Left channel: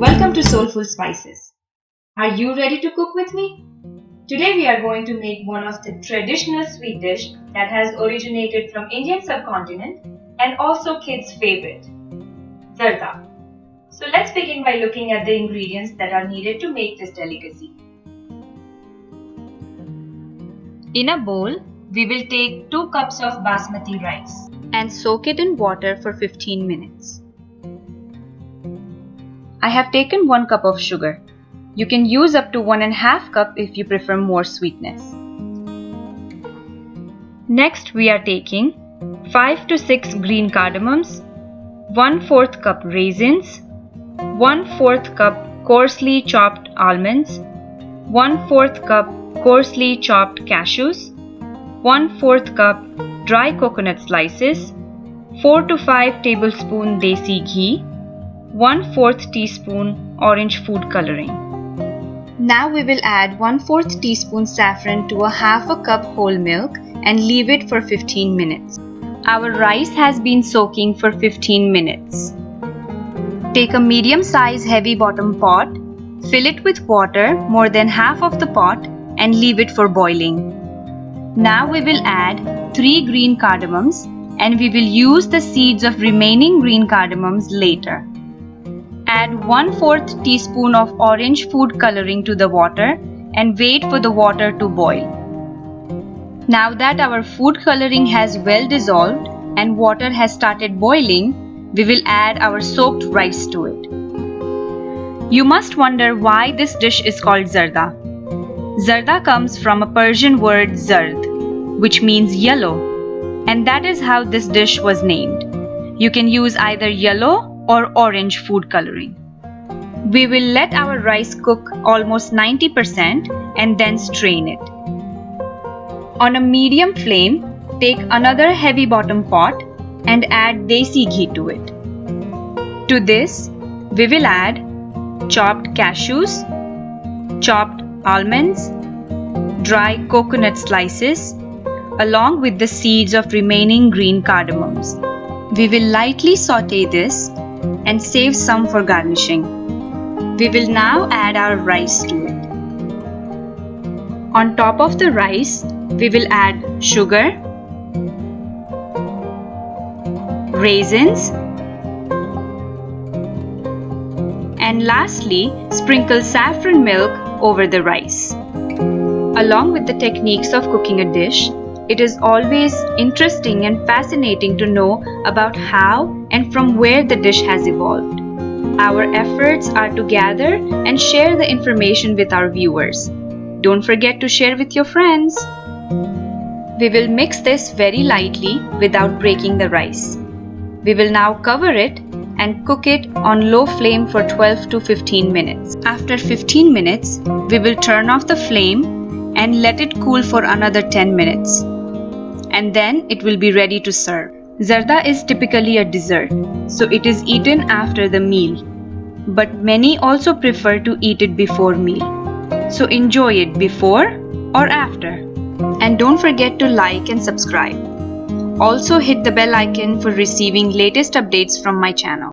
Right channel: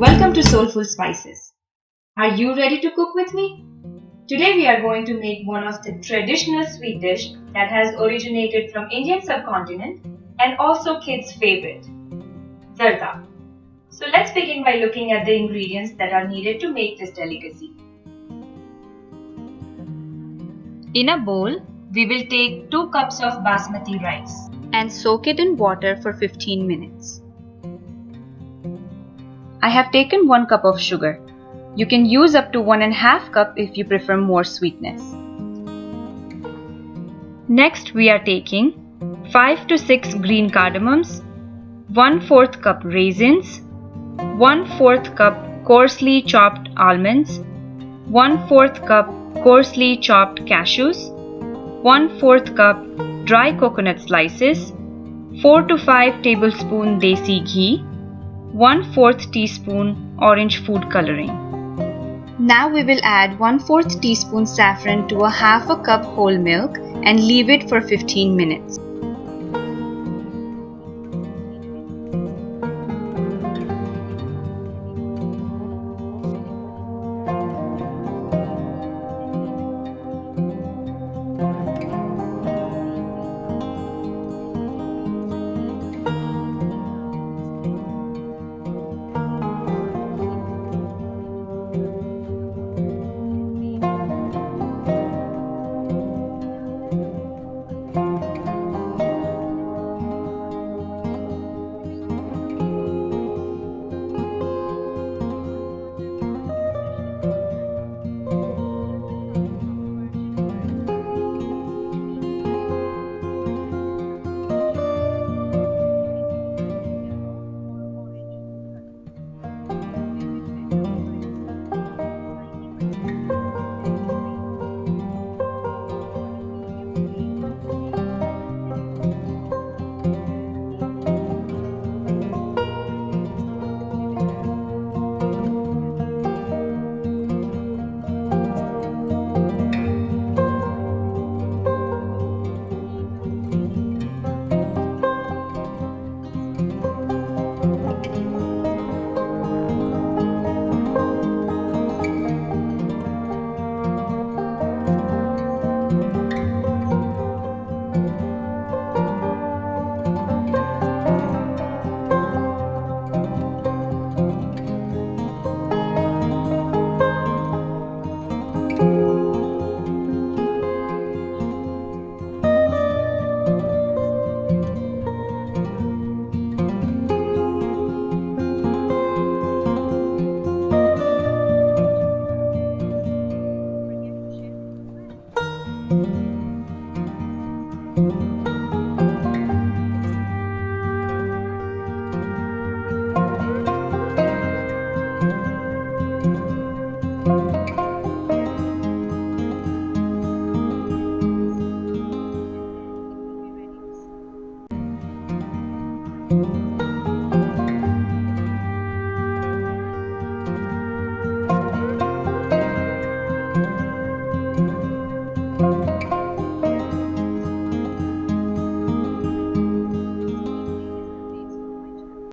Welcome to Soulful Spices. Are you ready to cook with me? Today we are going to make one of the traditional sweet dish that has originated from Indian subcontinent and also kids' favorite, Zarda. So let's begin by looking at the ingredients that are needed to make this delicacy. In a bowl, we will take 2 cups of Basmati rice and soak it in water for 15 minutes. I have taken 1 cup of sugar. You can use up to 1.5 cup if you prefer more sweetness. Next we are taking 5 to 6 green cardamoms, 1/4 cup raisins, 1/4 cup coarsely chopped almonds, 1/4 cup coarsely chopped cashews, 1/4 cup dry coconut slices, 4 to 5 tablespoon Desi Ghee, 1/4 teaspoon orange food coloring. Now we will add 1/4 teaspoon saffron to a 1/2 cup whole milk and leave it for 15 minutes. Our rice has been soaking for 15 minutes. Take a medium size heavy bottom pot, fill it with water more than half of the pot and leave it for boiling. Now we will add 3 green cardamoms and we will use the seeds of remaining green cardamoms later. Add 1/4 teaspoon of orange food coloring to the water and wait for the water to boil. Now that our food coloring has well dissolved and water has started boiling, we will add our soaked rice to it. You must wonder why this dish is called Zarda. Zarda comes from a Persian word zard, which means yellow, and that is how this dish was named. You can use either yellow or orange food coloring. We will let our rice cook almost 90% and then strain it. On a medium flame, take another heavy bottom pot and add Desi Ghee to it. To this, we will add chopped cashews, chopped almonds, dry coconut slices, along with the seeds of remaining green cardamoms. We will lightly saute this and save some for garnishing. We will now add our rice to it. On top of the rice, we will add sugar, raisins, and lastly, sprinkle saffron milk over the rice. Along with the techniques of cooking a dish, it is always interesting and fascinating to know about how and from where the dish has evolved. Our efforts are to gather and share the information with our viewers. Don't forget to share with your friends. We will mix this very lightly without breaking the rice. We will now cover it and cook it on low flame for 12 to 15 minutes. After 15 minutes, we will turn off the flame and let it cool for another 10 minutes. And then it will be ready to serve. Zarda is typically a dessert, so it is eaten after the meal. But many also prefer to eat it before meal. So enjoy it before or after. And don't forget to like and subscribe. Also hit the bell icon for receiving latest updates from my channel.